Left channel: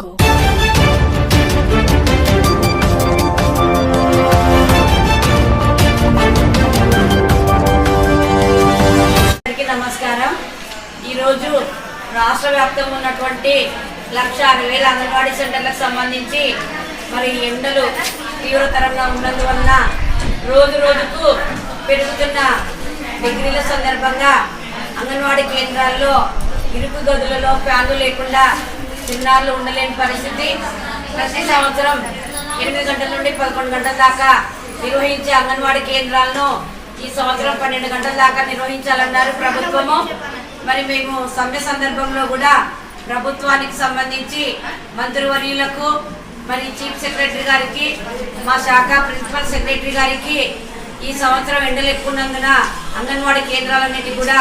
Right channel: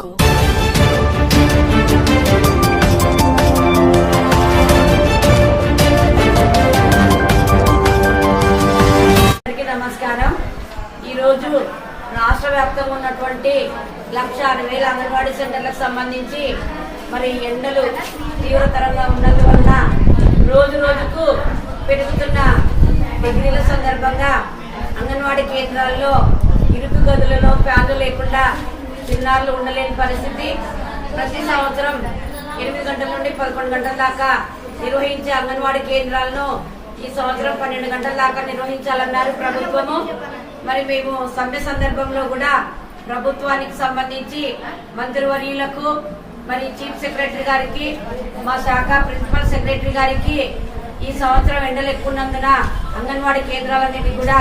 jungle. నమస్కారం ఈరోజు రాష్ట్ర వ్యాప్తంగా ఉన్నటువంటి లక్ష అరవై వేల అంగన్వాడీ సెంటర్లకు సంబంధించి మరి ఎండలు తీవ్రతరంగా ఉన్నందువల్ల రోజు రోజుకు పెరుగుతున్న డిగ్రీల సందర్భంగా అంగన్వాడీ కేంద్రాల్లో ఇరుకు గదులలో ఫ్యాన్లు లేకుండా చిన్నారులు ఉండలేని పరిస్థితి ప్రతి సంవత్సరం ఎనిమిది గంటల నుండి పదకొండు గంటల దాకా నిర్వహించే అంగన్వాడీ కేంద్రాలను ఈ సంవత్సరం పన్నెండు గంటల దాకా నిర్వహించాలన్నారు ప్రభుత్వము మరి మేము సమ్మె సందర్భంలో కూడా ప్రభుత్వానికి సంబంధించి మంత్రివర్యులకు మరి చీఫ్ సెక్రటరీ గారికి మా శాఖ ప్రిన్సిపల్ సెక్రటరీ గారికి ఈ సంవత్సరం ఎండలు ఉన్నందున అంగన్వాడీ కేంద్రాలన్నిటి కూడా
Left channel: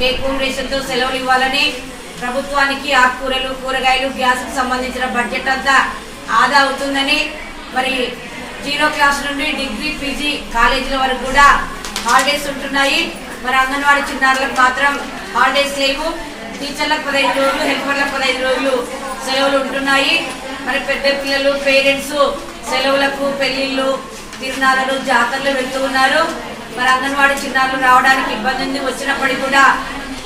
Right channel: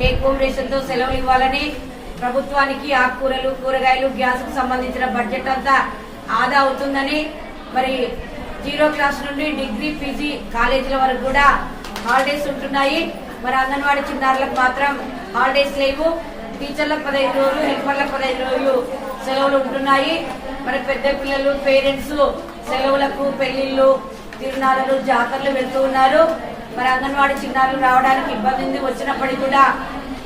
టేక్ హోమ్ రేషన్తో సెలవులు ఇవ్వాలని ప్రభుత్వానికి ఆకుకూరలు కూరగాయలు గ్యాస్కు సంబంధించిన బడ్జెట్ అంతా ఆదా అవుతుందని మరి జీరో క్లాస్ నుండి డిగ్రీ పీజీ కాలేజీల వరకు కూడా హాలిడేస్ ఉంటున్నాయి మరి అంగన్వాడీ చిన్నారులకు మాత్రం హాలిడేస్ లేవు టీచర్లకు పదహైదు రోజులు హెల్పర్లకు పదహైదు రోజులు సెలవులు ఉంటున్నాయి మరి పెద్ద పిల్లలు పేరెంట్స్ సెలవులకు పెళ్లిళ్ళు తిరునాళ్ళు జాతరలు వెళ్తూ ఉన్నారు మరి అంగన్వాడీ చిన్నారులు రావడానికి ఇబ్బంది ఉంది వచ్చినప్పటికీ కూడా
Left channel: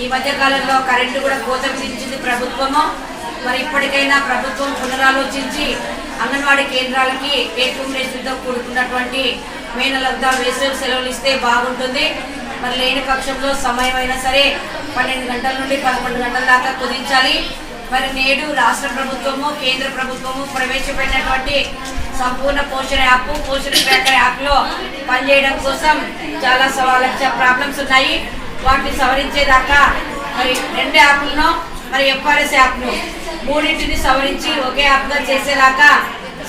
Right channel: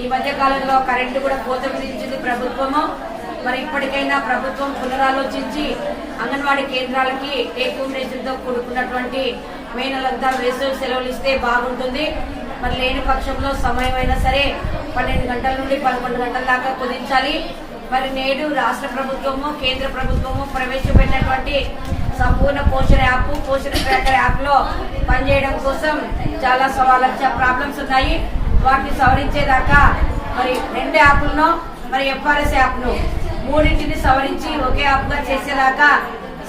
ఈ మధ్య కాలంలో కరెంటు కూడా కోత విధించింది ప్రభుత్వము మరి ఇప్పటికైనా ప్రభుత్వం పునరాలోచించి అంగన్వాడీ కేంద్రాలకి ఏకూరేషన్తో కూడుకున్నటువంటి మే నెలంతా వేసవి సెలవులు ఇస్తే బాగుంటుంది మరి లేని పక్షంలో సమయం అయినా సరే పన్నెండు గంటల నుండి పదకొండు గంటల దాకా కుదించాలి మరి నేడు రాష్ట్ర ప్రభుత్వము కేంద్ర ప్రభుత్వము ప్రవేశపెట్టినటువంటి సంపూర్ణ పోషణ యాప్ పోషణ ట్రాకర్ యాప్లో పనిచేయడం కోసం చాలా సవాళ్ళ ప్రాబ్లమ్స్ ఉన్నాయి వాటిని సవరించేదాకా మరి రెండు యాప్లను మరి ఎఫ్ఆర్ఎస్ యాప్ను మూడింటిని సవరించి ఒకే యాప్గా చేసేదాకా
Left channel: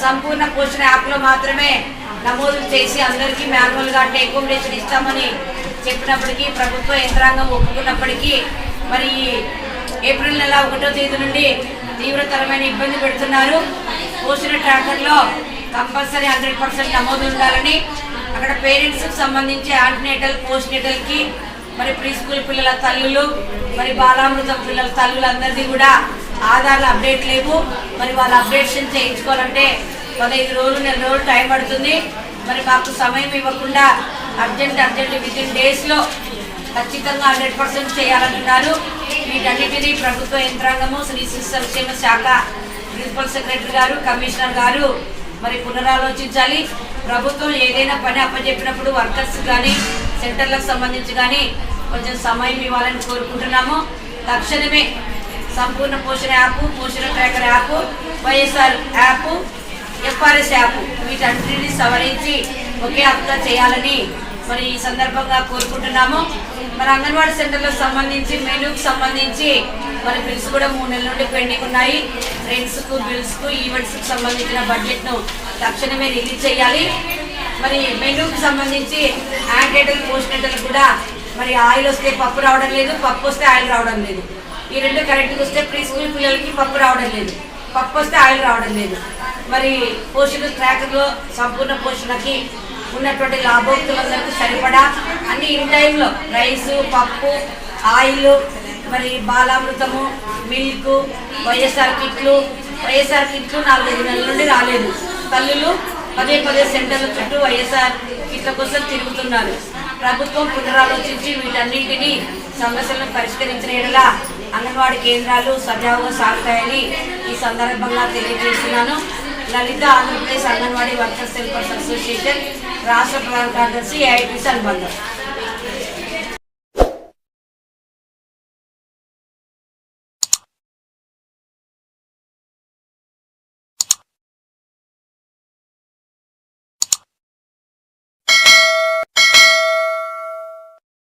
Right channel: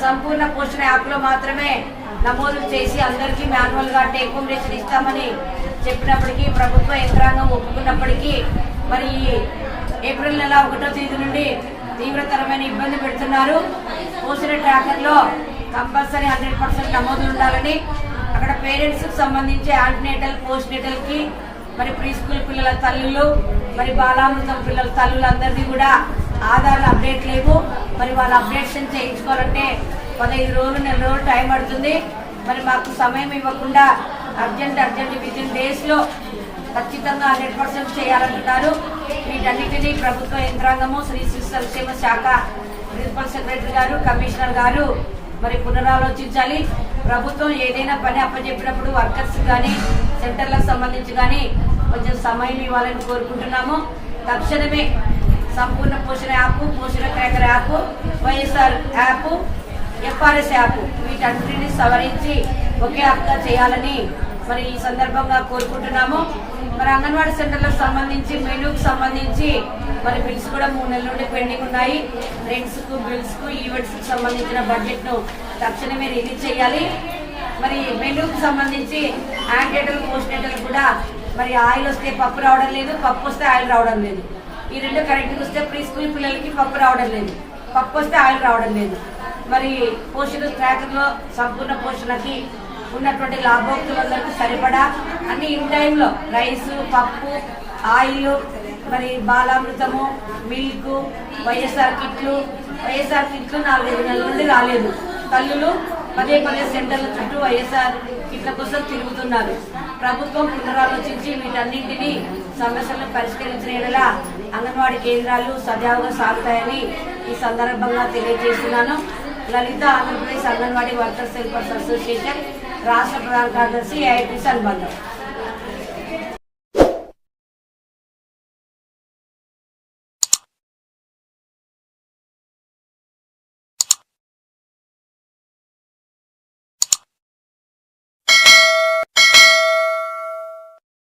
సంపూర్ణ పోషణ యాప్లో మాత్రమే నమోదు చేసి అందరికీ మాన్యువల్గా టేక్ హోమ్ ఇస్తామని చెప్పినప్పటికీ ప్రభుత్వ యంత్రాంగం ఒప్పుకున్నప్పటికీ మరి ఏప్రిల్ నెల ఒకటో తేదీ నుండి తీవ్రతరమైన ఇబ్బంది పెడుతున్నారు పోషణ ట్రాకర్లో కంపల్సరీ హండ్రెడ్ పర్సెంట్ నమోదు ఉండాలని అక్కడ పేరెంట్స్కి సంబంధించి ఆంటినేటల్ పోస్ట్ నేటల్కి మరి ప్రీ స్కూల్ పిల్లల తల్లులు మరి బాలామృతం పిల్లల తల్లులందరిది కూడా ఆధార్లు అప్డేట్ లేవు మరి వాళ్ళ అప్డేషన్ చేయించుకోవాలంటే పదహైదు రోజులు నెల రోజులు టైం పడుతుంది మరి మాకు సమయం ఇవ్వకుండా అర్జెంట్ అర్జెంట్ విత్ ఇన్ డేస్లో ఖచ్చితంగా హండ్రెడ్ పర్సెంట్ చేయాలంటున్నారు వీటన్నిటినీ ప్రభుత్వ యంత్రాంగము శ్రీ శిశు సంక్షేమ శాఖ ప్రిన్సిపల్ సెక్రటరీ గారు కమిషనర్ గారు మరి పునరాలోచించాలి ప్రభుత్వం ఏదైనా పని అప్పచెప్పినప్పుడు వర్కర్స్ కానీ సెంటర్లకు సంబంధించి కానీ కొంచెం సమయం ఇవ్వాలని కోరుకుంటున్నాము తక్షణమే Sampoorna Poshana app Poshana tracker app YSR app FRS app వీటన్నింటినీ సవరించి ఒకే యాప్గా చేయాలని మరి ఈ సందర్భంగా కోరుకుంటున్నాము మరి అంగన్వాడీ సెంటర్లకు సంబంధించి మెనూకి సంబంధించి మరి బిల్స్ కూడా మూడు నెలల నుండి పెండింగ్ ఉన్నాయి రెంట్స్కు బిల్స్కు ఈవెంట్స్కు సంబంధించిన బడ్జెట్ను తక్షణమే రిలీజ్ చేయాలి మరి మెనూకి సంబంధించి యాంటేటల్ పోస్ట్ కూడా మరి ఆయిల్ వస్తే పప్పు రావడం లేదు పప్పు వస్తే ఆయిల్ రావడం లేదు ఈ రెండు కరెంట్కి వస్తే ప్రీ స్కూల్ పిల్లలకి పప్పు రావడం లేదు పప్పు వస్తే ఆయిల్ రావడం లేదు మరి పోషణ ట్రాకర్లో సంపూర్ణ పోషణకి ఉన్నటువంటి లాభోక్తులందరికీ సరిపడా అన్ని ఇన్ టైంలో రైసు పప్పు ఆయిల్ మరి బాలామృతము మిల్క్ వైఎస్ఆర్ కిట్లు వైఎస్ఆర్ కిట్లు నాలుగైదు నెలల నుండి రాలేదు తల్లులు పదే పదే సెంటర్ల చుట్టూ వైఎస్ఆర్ కిట్ల కోసం తిరుగుతున్నారు ప్రభుత్వం పునరాలోచించి వీటన్నింటినీ సమస్యలను పరిష్కరించిన ఎడలా అంగన్వాడీ కేంద్రాలు సజావుగా సాగుతాయని ఈ సందర్భంగా తెలియజేస్తున్నాను Lalitha Andhra Pradesh anganwadi workers helpers association రాష్ట్ర ప్రధాన కార్యదర్శి ఏఐటిసి అల్మందర్